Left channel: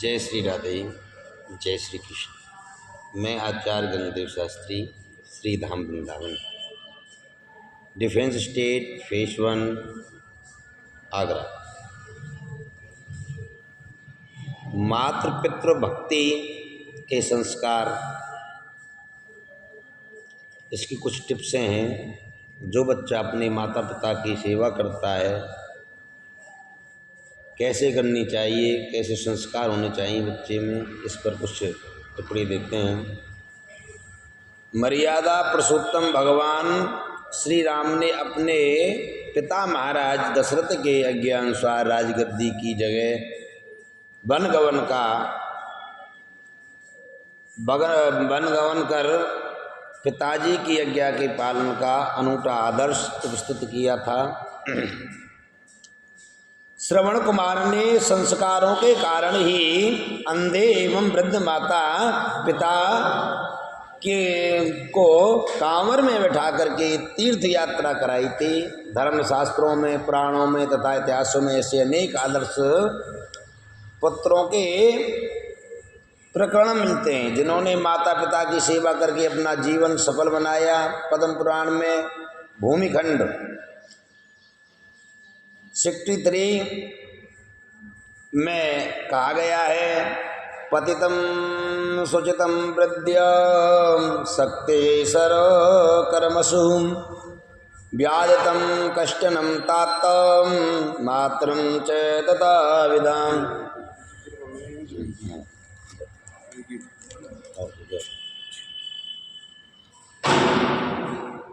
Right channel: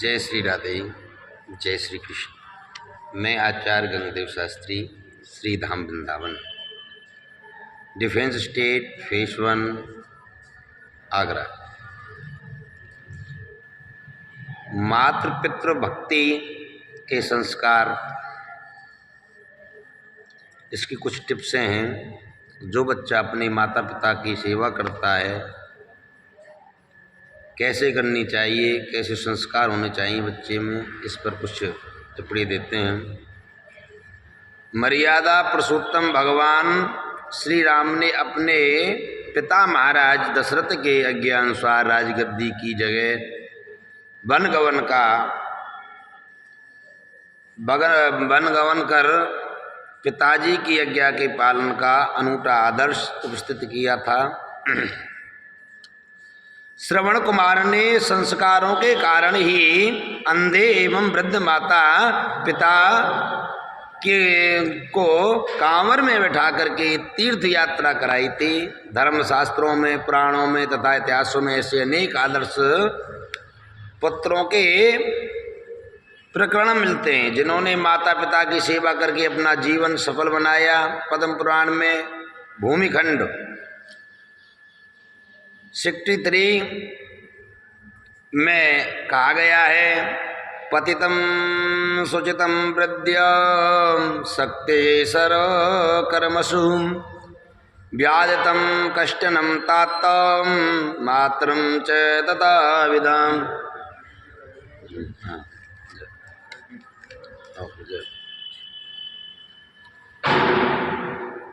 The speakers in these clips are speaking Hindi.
जय श्री राधे, जय श्री कृष्ण। मैं Acharya Gangdev Shastri, Shri Dham Vrindavan, defence state, phase 1, Agra. मातृपितृ भक्ति के संस्कार, इसकी कुछ टिप्सें हैं। जो बच्चा अपने माता पिता की सेवा करता है, कैसे करनी चाहिए, कैसे संस्कार होने चाहिए बच्चे में, इस पर कुछ टिप्पणी देते हैं। मर्यादा पुरुषोत्तम भगवान श्री राम ने अपने पिता महाराज दशरथ के आज्ञा अनुसार राजगद्दी की जगह वन गवन कर पिताजी की आज्ञा के पालन का अनूठा आदर्श उपस्थित किया था। श्रवण कुमार ने संस्कारों के कारण ही अंधे एवं वृद्ध माता पिता को कांवर में बैठा करके तीर्थ यात्रा कराई थी। धर्मशास्त्रों में, पुराणों में तथा इतिहासों में ऐसे अनेक आदर्श पुत्रों के प्रकरण मिलते हैं जिन्होंने माता पिता की सेवा करके अपना जीवन सफल बनाया। पद्म पुराण में भूमिखंड 63 में कहा गया है, पतितं सुचितं वृद्ध्य शक्ते सर कर्मसु व्याधितं कष्टनं तात मात्रं च तथा विदाम।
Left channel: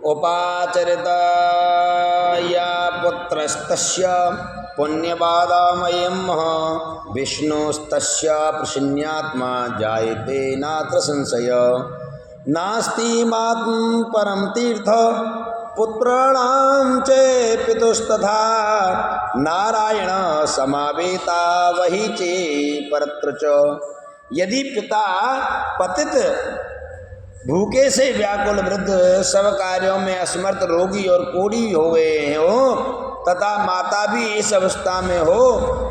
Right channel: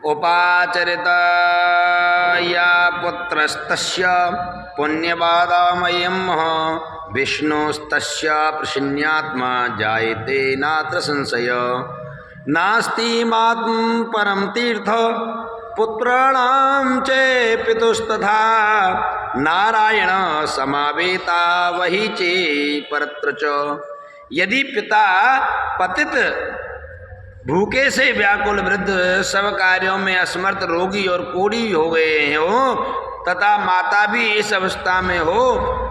उपाचरिता या पुत्रस्तस्य पुण्यवादामयं विष्णुस्तस्य प्रसन्नात्मा जायते नात्र संशय नास्ति मात्म परम तीर्थ पुत्राणां च पितुस्तथा नारायण समावेता वही चे परत्र च। यदि पिता पतित भूखे से व्याकुल वृद्ध सब कार्यों में असमर्थ रोगी और कोढ़ी हो गए हो तथा माता भी इस अवस्था में हो,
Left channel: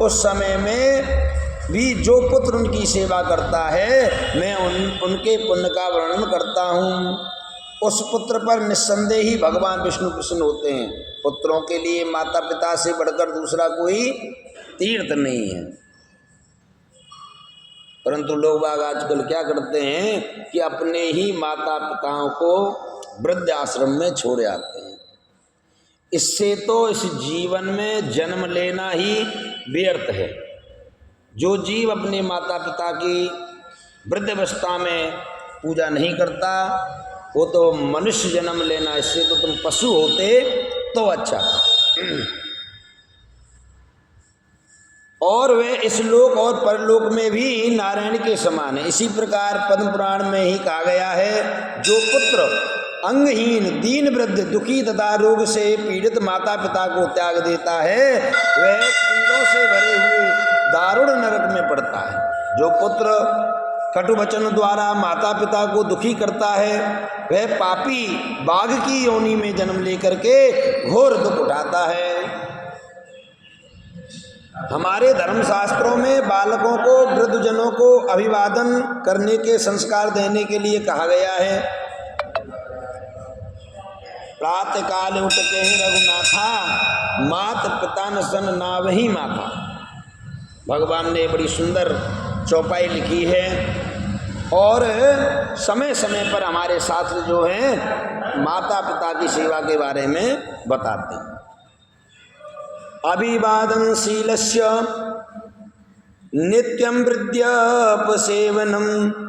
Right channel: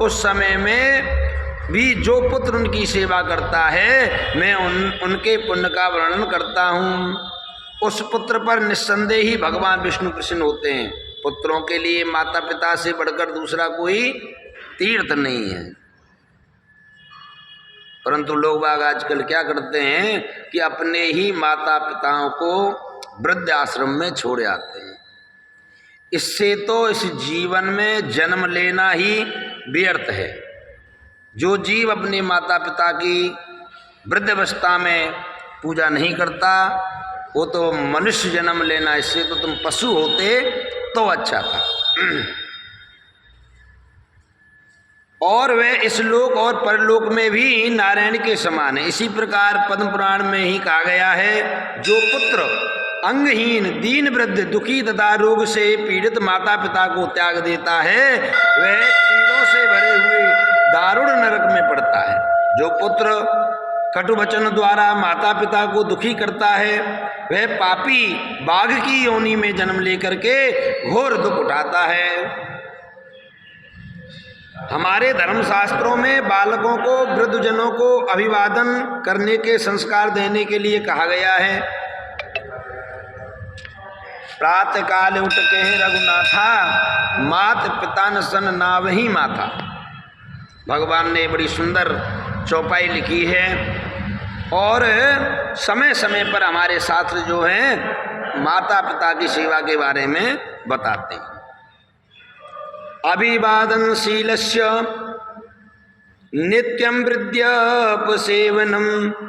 उस समय में भी जो पुत्र उनकी सेवा करता है, मैं उनके पुण्य का वर्णन करता हूँ। उस पुत्र पर निस्संदेह ही भगवान विष्णु प्रसन्न होते हैं। पुत्रों के लिए माता पिता से बढ़कर दूसरा कोई तीर्थ नहीं है। परंतु लोग बाग आजकल क्या करते हैं कि अपने ही माता पिताओं को वृद्ध आश्रम में छोड़ आते हैं। इससे तो इस जीवन में जन्म लेना ही व्यर्थ है। जो जीव अपने माता पिता की वृद्ध अवस्था में पूजा नहीं करता, वो तो मनुष्य जन्म लेना, इससे तो तुम पशु होते तो अच्छा था। और वे इस लोक और परलोक में भी नारायण के समान है। इसी प्रकार पद्म पुराण में ही कहा गया है, जो पुत्र अंगहीन, दीन वृद्ध, दुखी तथा रोग से पीड़ित माता पिता को त्याग देता है, वह कीड़ों से भरे हुए दारुण नरक में पड़ता है। जो पुत्र कटु वचन द्वारा माता पिता को दुखी करता है, वह पापी बाघ की योनि में जन्म लेकर के घोर दुख उठाता है। हमारे धर्मशास्त्रों में बालकों को, वृद्धजनों को अभिवादन करने के संस्कार देने के लिए कहा गया है। प्रातः काल उठ के रघुनाथा, मात पिता न सन नावही माथा। भगवान ने बड़ी सुंदर चौपाई लिखी है और समय समय पर हमारे शास्त्र जो हैं माता पिता की सेवा के बारे में बताते हैं। अभिवादनशीलस्य नित्यं वृद्धापसेवनं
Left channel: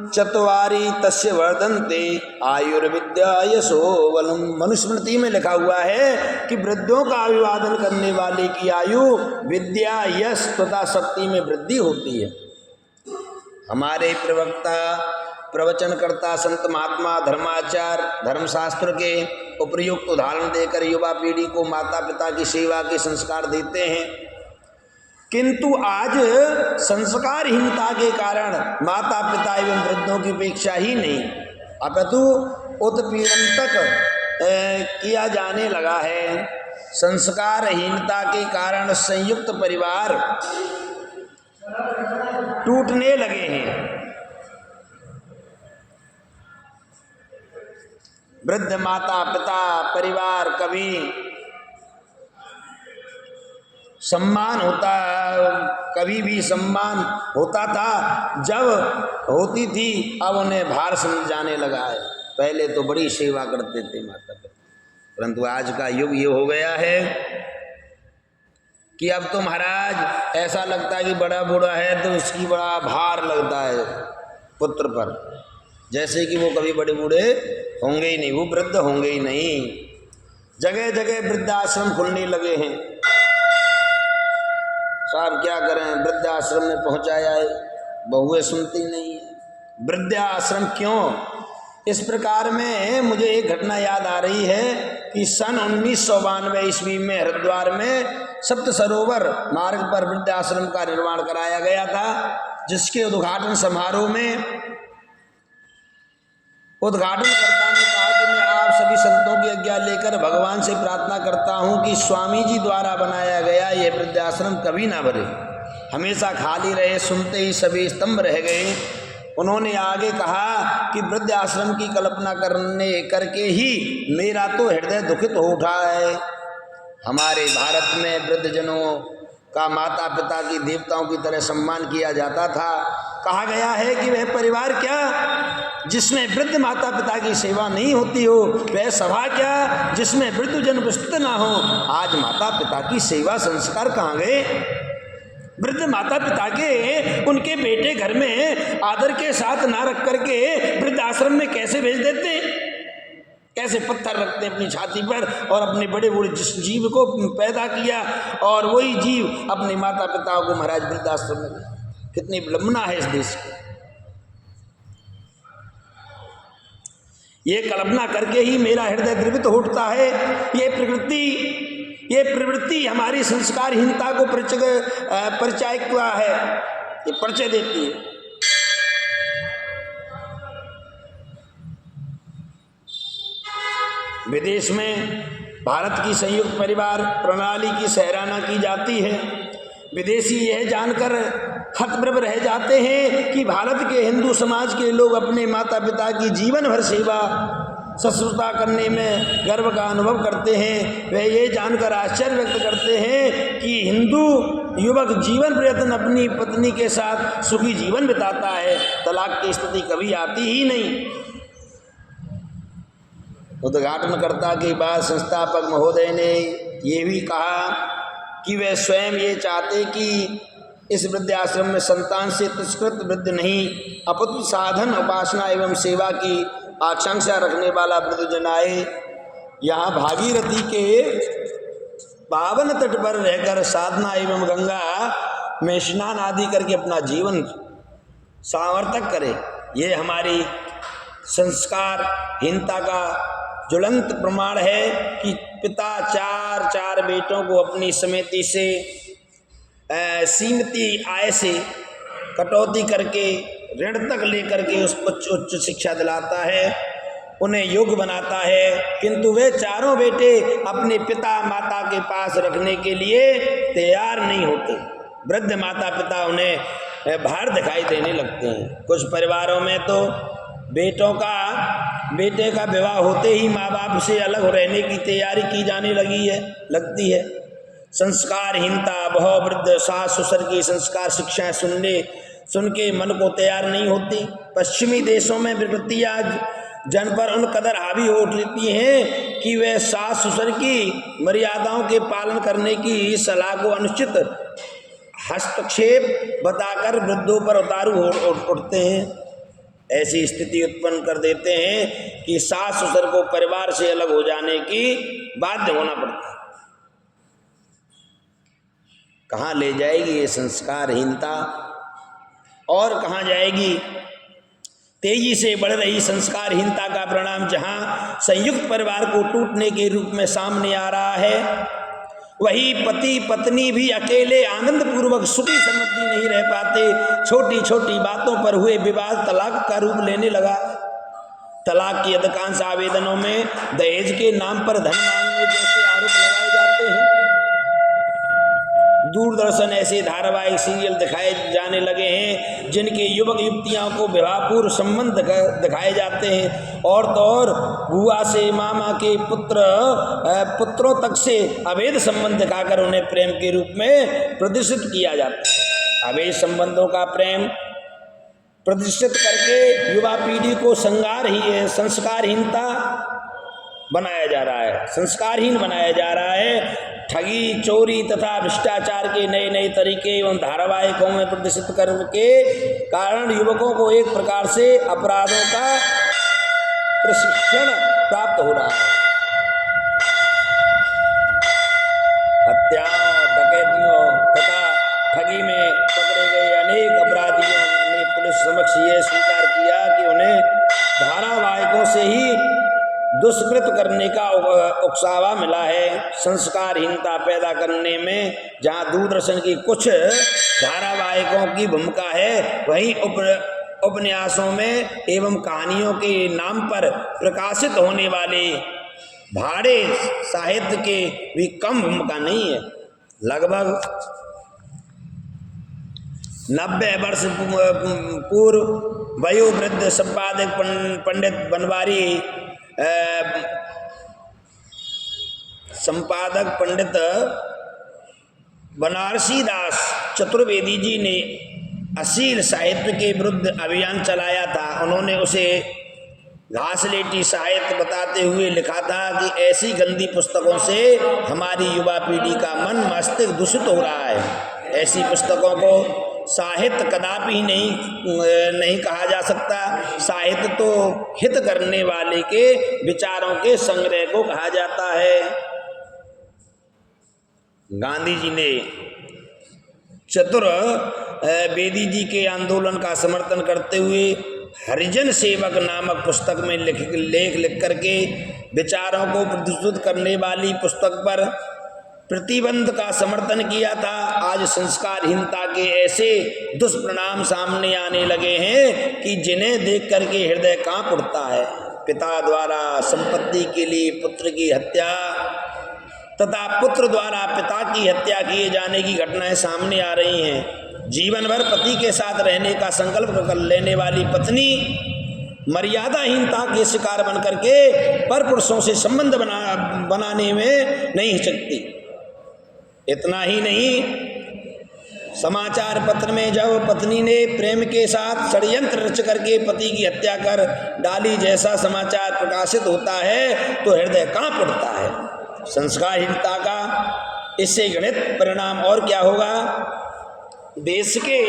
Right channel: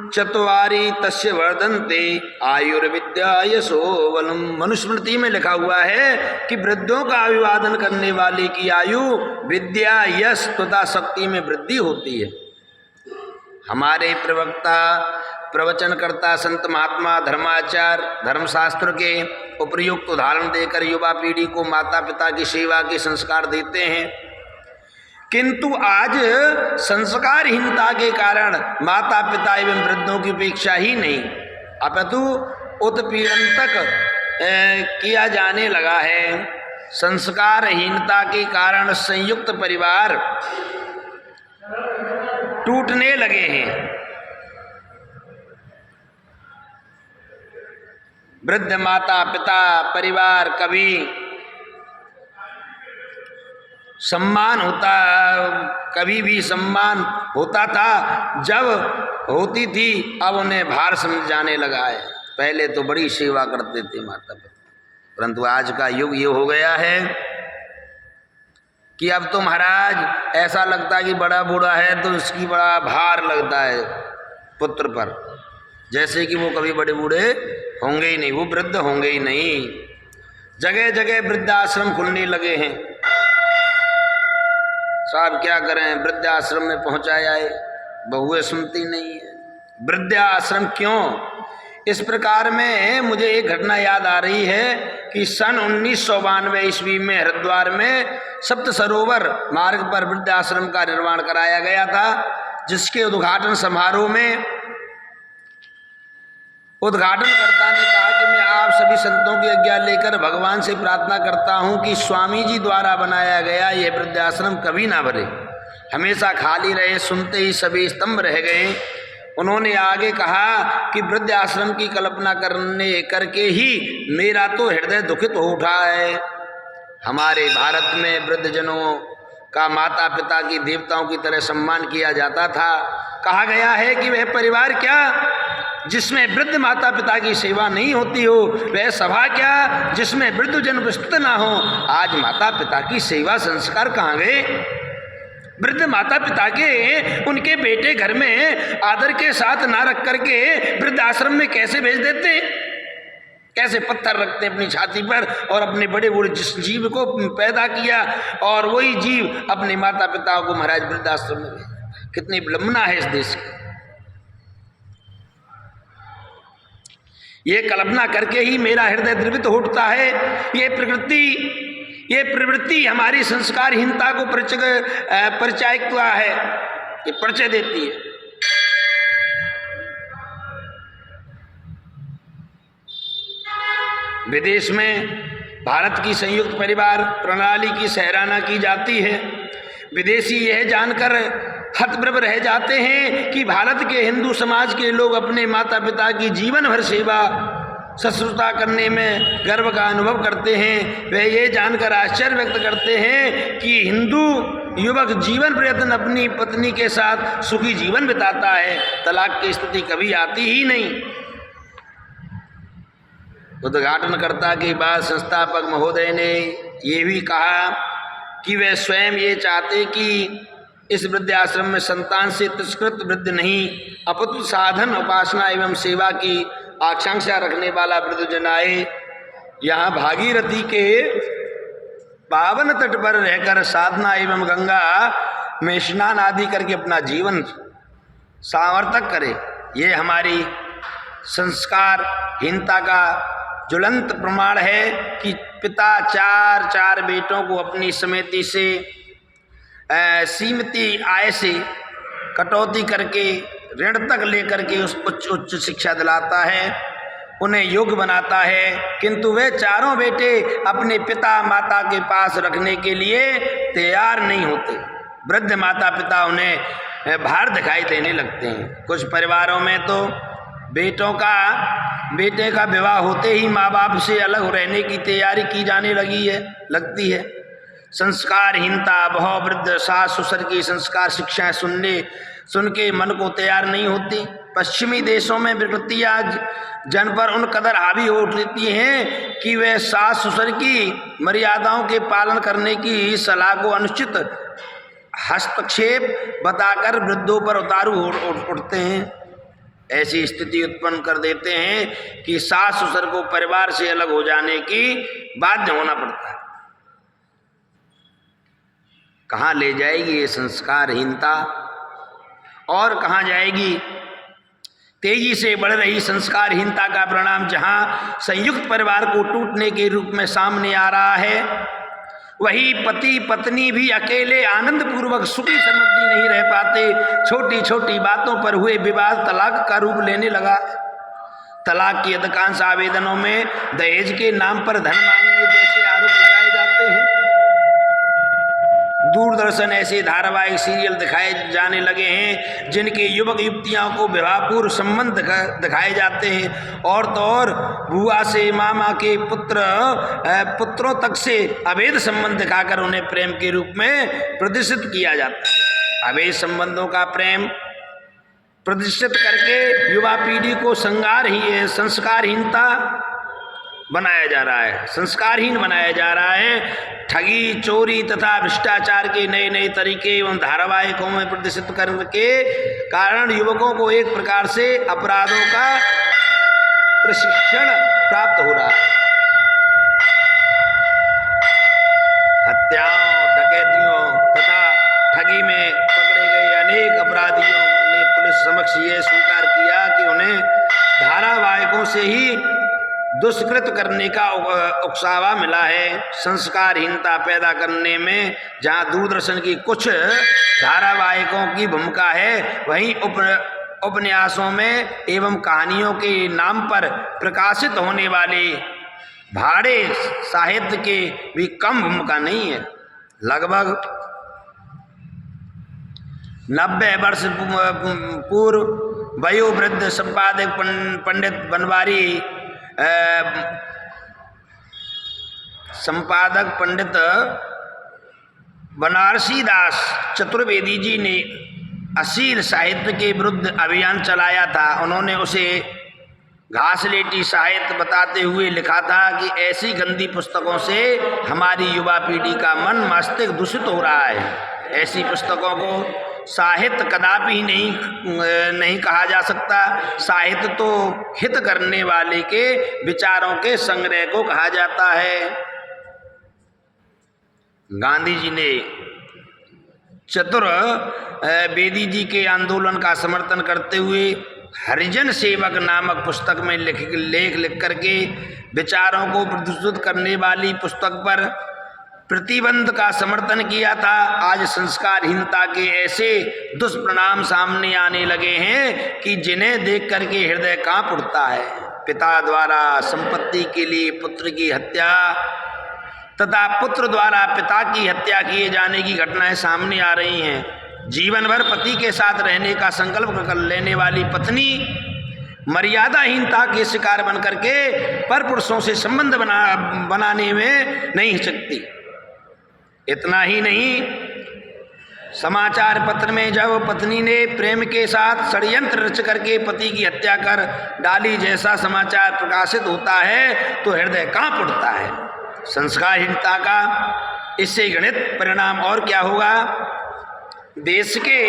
चत्वारि तस्य वर्धन्ते आयुर्विद्या यशोबलम्। मनुस्मृति में लिखा हुआ है कि वृद्धों का अभिवादन करने वाले की आयु, विद्या, यश तथा शक्ति में वृद्धि होती है। हमारे प्रवक्ता, प्रवचनकर्ता, संत महात्मा, धर्माचार्य धर्मशास्त्र के उपयुक्त उदाहरण देकर युवा पीढ़ी को माता पिता की सेवा के संस्कार देते हैं। किंतु आज संस्कारहीनता के कारण माता पिता एवं वृद्धों की उपेक्षा ही नहीं, अपितु उत्पीड़न तक किया जाने लगा है। संस्कारहीनता के कारण संयुक्त परिवार टूटने लगे हैं। वृद्ध माता पिता परिवार, कभी सम्मान होता, कभी भी सम्मान होता था जब होती थी, अब उन्हें भार समझ जाने लगा है। पहले तो बड़ी सेवा करते थे माता पिता, परंतु आज का युग ये हो गया है कि अब तो महाराज ऐसा लगता है कि बड़ा बूढ़ा है तो इसकी बड़ा भार लगता है पुत्र पर, जैसे कि वो कभी बड़े बूढ़े होंगे ही नहीं, वो वृद्ध होंगे ही नहीं। जगह जगह वृद्धाश्रम खुलने लगे हैं। साहब क्या करें, वृद्धाश्रम में पहुंचाया है, बहुएं सुनती नहीं है। वृद्धाश्रम क्यों? इस प्रकार में मुझे एक घटना याद आ रही है कि सन 1992 ईस्वी में हरिद्वार में सप्त सरोवर मार्ग पर वृद्धाश्रम का निर्माण कराया गया था, जिसके उद्घाटन समारोह में उद्घाटनकर्ता ने कहा कि मैं आप सभी संतों की आज्ञा लेकर भगवान से प्रार्थना करता हूं कि स्वामी जी द्वारा बनाया गया यह वृद्धाश्रम कभी ना भरे, हमेशा खाली रहे। सुनते ही सभी स्तंभ रह गए। उन्होंने आगे कहा कि वृद्धाश्रम की कल्पना करके ही मेरा तो हृदय दुखित हो उठा है। हमारे भारत में वृद्धजनों का माता पिता की देवताओं की तरह सम्मान किया जाता था। कहा गया है कि वह परिवार क्या जिसमें वृद्ध माता पिता की सेवा नहीं होती हो, वह सभा क्या जिसमें वृद्धजन उपस्थित ना हो। आज माता पिता की सेवा संस्कार कहाँ गए? वृद्ध माता पिता के उनके बेटे घर में आदर के साथ ना रख करके वृद्धाश्रम में कैसे भेज देते? कैसे पत्थर रखते अपनी छाती पर और अपने बड़े बूढ़े जिस जीव को पैदा किया और वही जीव अपने माता पिता को महाराज वृद्धाश्रम में भेज। कितनी विडंबना है इस देश की। ये कल्पना करके ही मेरा हृदय द्रवित हो उठता है। ये प्रवृत्ति हमारी संस्कारहीनता को परिचायकता है, ये परिचय देती है। विदेश में भारत की संयुक्त परिवार प्रणाली की सराहना की जाती है। विदेशी यह जानकर हतप्रभ रह जाते हैं कि भारत के हिंदू समाज के लोग अपने माता पिता की जीवन भर सेवा शुश्रूषा करने में गर्व का अनुभव करते हैं। वे ये जानकर आश्चर्य व्यक्त करते हैं कि हिंदू युवक जीवन प्रयत्न अपनी पत्नी के साथ सुखी जीवन बिताता है, तलाक की स्थिति कभी आती ही नहीं। उद्घाटनकर्ता के बाद संस्थापक महोदय ने ये भी कहा कि वे स्वयं ये चाहते कि इस वृद्धाश्रम में संतान से तिरस्कृत वृद्ध नहीं अपितु साधन उपासना एवं सेवा की आकांक्षा रखने वाला वृद्धजन आए। यहाँ भागीरथी के पावन तट पर रहकर साधना एवं गंगा में स्नान आदि करके अपना जीवन सार्थक करे। ये हमारी संस्कारहीनता का ज्वलंत प्रमाण है कि पिता चार बेटों को अपनी समिति से सीमित आय से कटौती करके ऋण तक लेकर के उस उच्च शिक्षा दिलाता है, उन्हें योग्य बनाता है, किंतु वे चारों बेटे अपने पिता माता के पास रखने के लिए तैयार नहीं होते। वृद्ध माता पिता उन्हें भार दिखाई देने लगते हैं। कुछ परिवारों में तो बेटे का विवाह होते ही माँ बाप से अलग रहने की तैयारी की जाने लगती है। संस्कारहीनता बहु वृद्ध सास ससुर की संस्कार शिक्षाएं सुन के मन को तैयार नहीं होती। पश्चिमी देशों में विकृतियां जन पर उन कदर हावी हो उठती हैं कि वे सास ससुर की मर्यादाओं के पालन करने की सलाह को अनुचित हस्तक्षेप बताकर वृद्धों पर उतारू उठते हैं। ऐसी स्थिति उत्पन्न कर देते हैं कि सास ससुर को परिवार से अलग हो जाने की बाध्य होना पड़ता है। कहाँ ले जाएगी ये संस्कारहीनता और कहाँ जाएगी? तेजी से बढ़ रही संस्कारहीनता का परिणाम जहाँ संयुक्त परिवार को टूटने के रूप में सामने आ रहा है, वही पति पत्नी भी अकेले आनंद पूर्वक सुखी समृद्धि नहीं रह पाते। छोटी छोटी बातों पर हुए विवाद तलाक का रूप लेने लगा। तलाक की अधिकांश आवेदनों में दहेज के नाम पर धन मांगने जैसे आरोप लगाए जाते हैं। दूरदर्शन ऐसे धारावाहिक सीरियल दिखाए जाने लगे हैं जिनके युवक युवतियों को विवाहपूर्व संबंध दिखाए जाते हैं, और तो और बुआ से मामा के पुत्रों तक से अवैध संबंध दिखाकर उन्हें प्रेम के रूप में प्रदर्शित किया जाता है। अवैध संबंधों का प्रेम प्रदर्शित करके युवा पीढ़ी को संस्कारहीनता बनाया जा रहा है, संस्कारहीन बनाया जा रहा है। ठगी, चोरी तथा भ्रष्टाचार के नए नए तरीके एवं धारावाहिकों में प्रदर्शित करके कारण युवकों को एक प्रकार से अपराधों का प्रशिक्षण प्राप्त हो रहा है। हत्याओं, डकैतियों तथा ठगी में पकड़े गए अनेक अपराधियों ने पुलिस समक्ष ये स्वीकार किया कि उन्हें धारावाहिकों से ही दुष्कृत करने का उकसावा मिला है। संस्कारहीनता पैदा करने में जहां दूरदर्शन की कुछ धारावाहिकों की भूमिका है, वहीं उपन्यासों में एवं कहानियों के नाम पर प्रकाशित होने वाले भाड़े साहित्य के भी कम भूमिका नहीं है। लगभग 90 वर्ष पूर्व वयोवृद्ध संपादक पंडित बनारसी दास चतुर्वेदी जी ने अश्लील साहित्य के विरुद्ध अभियान चलाया था। उन्होंने उसे घासलेटी साहित्य बताते हुए लिखा था कि ऐसी गंदी पुस्तकों से हमारी युवा पीढ़ी का मन मस्तिष्क दूषित हो रहा है। ऐसी पुस्तकों को साहित्य कदापि नहीं कहा जा सकता। साहित्य तो हित करने वाले के विचारों के संग्रह को कहा जाता है। गांधी जी ने चतुर्वेदी जी के आंदोलन का समर्थन करते हुए हरिजन सेवक नामक पुस्तक में लेख लिख करके विचारों को प्रदर्शित करने वाली पुस्तक पर प्रतिबंध का समर्थन किया था। आज संस्कारहीनता के ऐसे दुष्परिणाम सामने आने लगे हैं कि जिन्हें देख करके हृदय कांप उठता है। पिता द्वारा संपत्ति के लिए पुत्र की हत्या तथा पुत्र द्वारा पिता की हत्या किए जाने की घटनाएं सामने आ रही हैं। जीवन भर पति के साथ रहने का संकल्प कर लेने वाली पत्नी मर्यादाहीनता के शिकार बन करके परपुरुषों से संबंध बनाने में नहीं हिचकती। इतना ही नहीं, समाचार पत्र में जब पत्नी ने प्रेम के साथ षड्यंत्र रच करके पति की हत्या कर डाली जैसा समाचार प्रकाशित होता है तो हृदय कांप उठता है। संस्कारहीनता का इससे गणित परिणाम और क्या होगा? देश के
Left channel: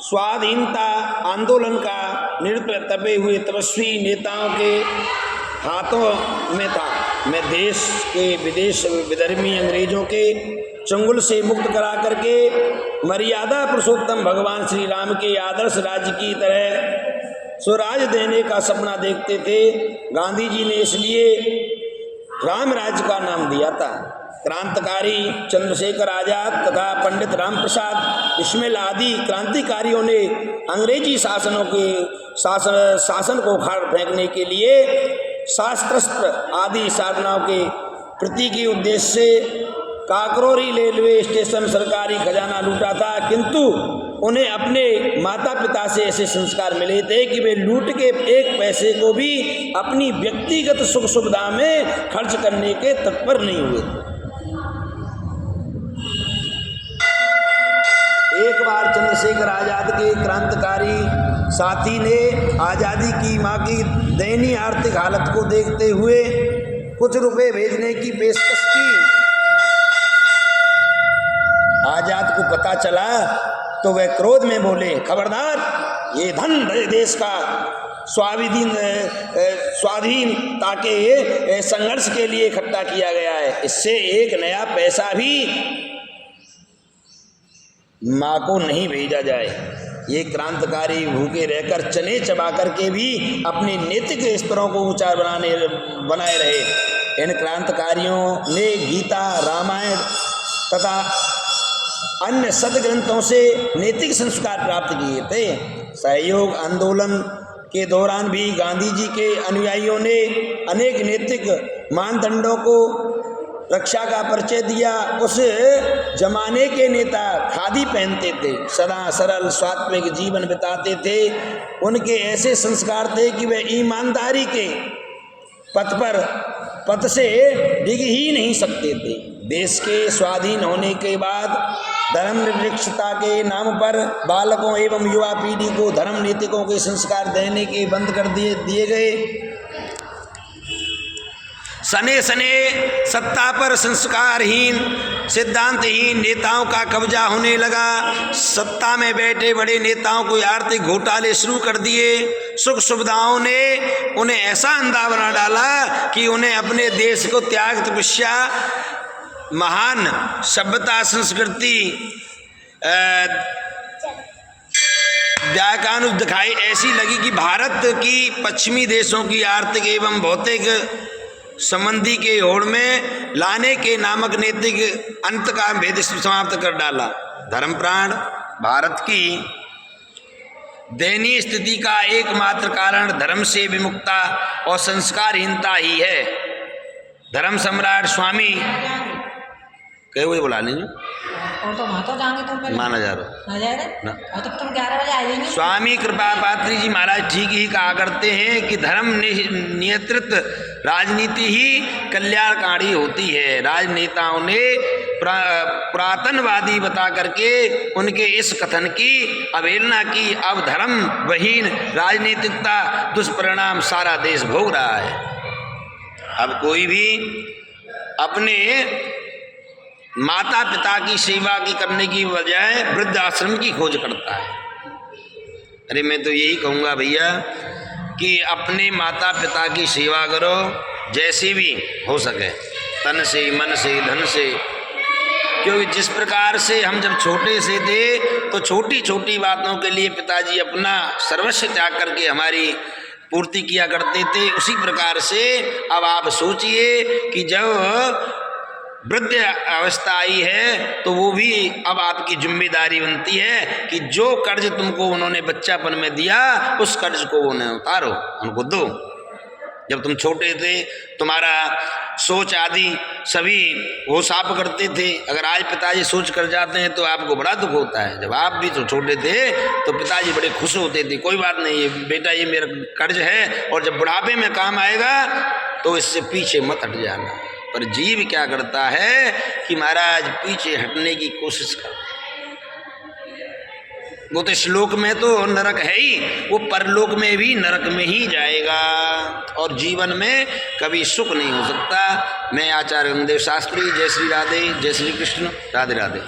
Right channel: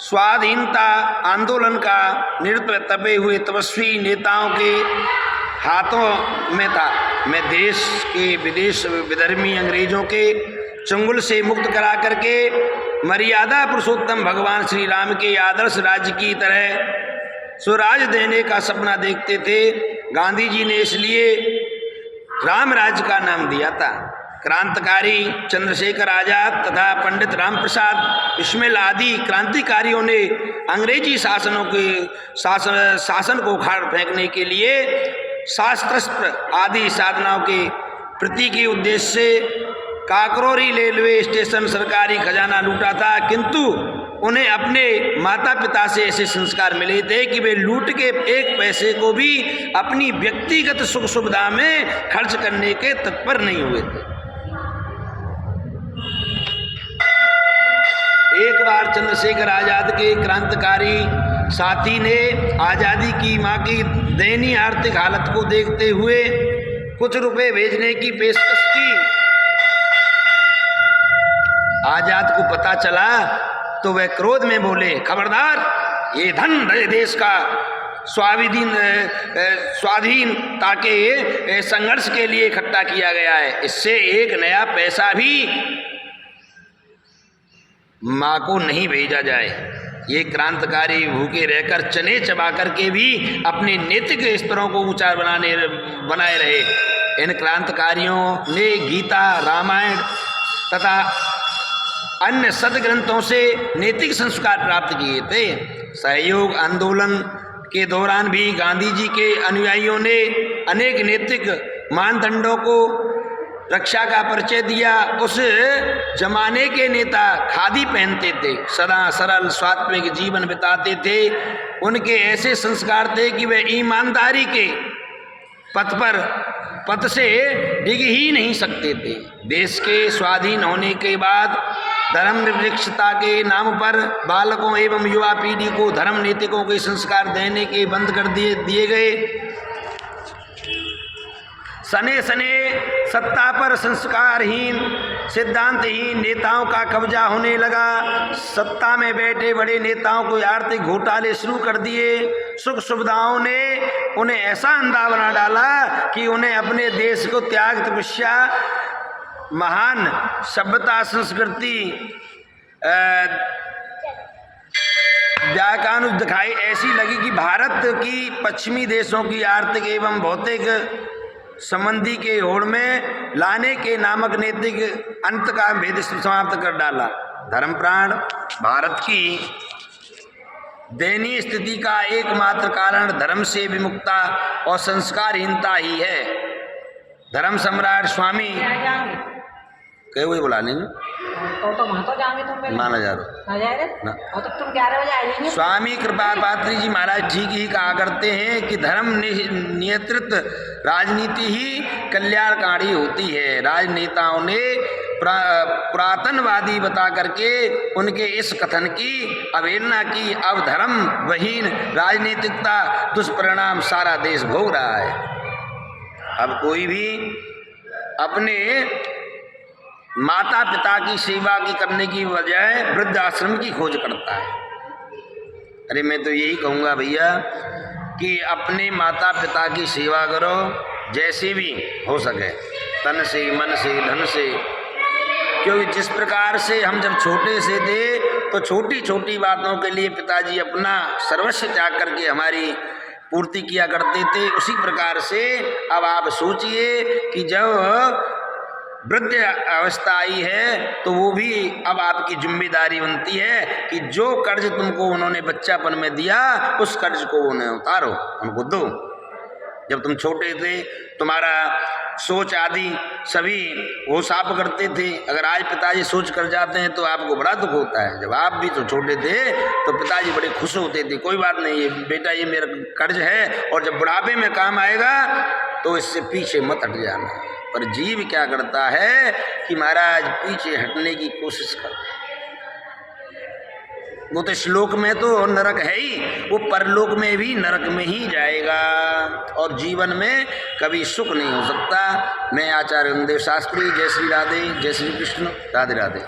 स्वाधीनता आंदोलन का नेतृत्व तपे हुए तपस्वी नेताओं के हाथों में था। मैं देश के विदेश विधर्मी अंग्रेजों के चंगुल से मुक्त करा करके मर्यादा पुरुषोत्तम भगवान श्री राम के आदर्श राज्य की तरह स्वराज देने का सपना देखते थे। गांधी जी ने इसलिए राम राज्य का नाम दिया था। क्रांतिकारी चंद्रशेखर आजाद तथा पंडित राम प्रसाद बिस्मिल आदि क्रांतिकारियों ने अंग्रेजी शासन को उखाड़ फेंकने के लिए शास्त्र आदि साधनाओं के प्रति के उद्देश्य से काकरोरी रेलवे स्टेशन सरकारी खजाना लूटा था, किंतु उन्हें अपने माता पिता से ऐसे संस्कार मिले थे कि वे लूट के एक पैसे को भी अपनी व्यक्तिगत सुख सुविधा में खर्च करने के तत्पर नहीं हुए थे। एक बार चंद्रशेखर आजाद के क्रांतिकारी साथी ने आज़ादी की मां की दयनीय आर्थिक हालत को देखते हुए कुछ रुपए भेजने की पेशकश की। आजाद को पता चला तो वह क्रोध में बोले, खबरदार, ये धन देश का स्वाधीनता के संघर्ष के लिए इकट्ठा किया गया है, इससे एक नया पैसा भी माँ को नहीं भेजा जाए। ये क्रांतिकारी भूखे रहकर चने चबा करके भी अपने नैतिक स्तरों को ऊंचा बनाए रहे। इन क्रांतिकारियों ने गीता, रामायण तथा अन्य सदग्रंथों से नैतिक संस्कार प्राप्त किए थे। सहयोग आंदोलन के दौरान भी गांधी जी के अनुयायियों ने अनेक नैतिक मानदंडों को रक्षा का परिचय दिया। उस जमाने के नेता खादी पहनते थे, सदा सरल सात्विक जीवन बिताते थे। उनके ऐसे संस्कार थे कि वे ईमानदारी के पथ से डिग ही नहीं सकते थे। देश के स्वाधीन होने के बाद धर्मनिरपेक्षता के नाम पर बालकों एवं युवा पीढ़ी को धर्म नीतिकों के संस्कार देने के बंद कर दिए गए। सने सने सत्ता पर संस्कारहीन सिद्धांतहीन नेताओं का कब्जा होने लगा। सत्ता में बैठे बड़े नेताओं को आर्थिक घोटाले शुरू कर दिए। सुख सुविधाओं ने उन्हें ऐसा अंधा बना डाला कि उन्हें अपने देश को त्याग तपस्या महान सभ्यता संस्कृति व्याकानुज दिखाई ऐसी लगी कि भारत की पश्चिमी देशों की आर्थिक एवं भौतिक संबंधी के होड़ में लाने के नामक नैतिक अंत का भेद समाप्त कर डाला। धर्मप्राण भारत की दयनीय स्थिति का एकमात्र कारण धर्म से विमुखता और संस्कारहीनता ही है। धर्म सम्राट स्वामी कहे हुए बुला लेंगे माना जा रहा स्वामी कृपा पात्री जी महाराज ठीक ही कहा करते हैं कि धर्म नियंत्रित राजनीति ही कल्याणकारी होती है। राजनेताओं ने पुरातनवादी बता करके उनके इस कथन की अवहेलना की। अब धर्म विहीन राजनीतिकता दुष्परिणाम सारा देश भोग रहा है। अब कोई भी अपने माता पिता की सेवा की करने की बजाय वृद्ध आश्रम की खोज करता है। अरे मैं तो यही कहूँगा भैया कि अपने माता पिता की सेवा करो जैसे भी हो सके, तन से मन से धन से। क्योंकि जिस प्रकार से हम जब छोटे से थे तो छोटी छोटी बातों के लिए पिताजी अपना सर्वस्व त्याग करके हमारी पूर्ति किया करते थे, उसी प्रकार से अब आप सोचिए कि जब वृद्ध अवस्था आई है तो वो भी अब आपकी जिम्मेदारी बनती है कि जो कर्ज तुमको उन्होंने बच्चापन में दिया उस कर्ज को उन्हें उतारो, उनको दो। जब तुम छोटे थे तुम्हारा सोच आदि सभी वो साफ करते थे। अगर आज पिताजी सोच कर जाते हैं तो आपको बड़ा दुख होता है। जब आप भी तो छोटे थे तो पिताजी बड़े खुश होते थे, कोई बात नहीं, ये बेटा ये मेरा कर्ज है और जब बुढ़ापे में काम आएगा तो इससे पीछे मत हट जाना। पर जीव क्या करता है कि महाराज पीछे हटने की कोशिश करता है। वो तो श्लोक में तो नरक है ही, वो परलोक में भी नरक में ही जाएगा और जीवन में कभी सुख नहीं हो सकता। मैं आचार्य गुरुदेव शास्त्री, जय श्री राधे, जय श्री कृष्ण, राधे राधे।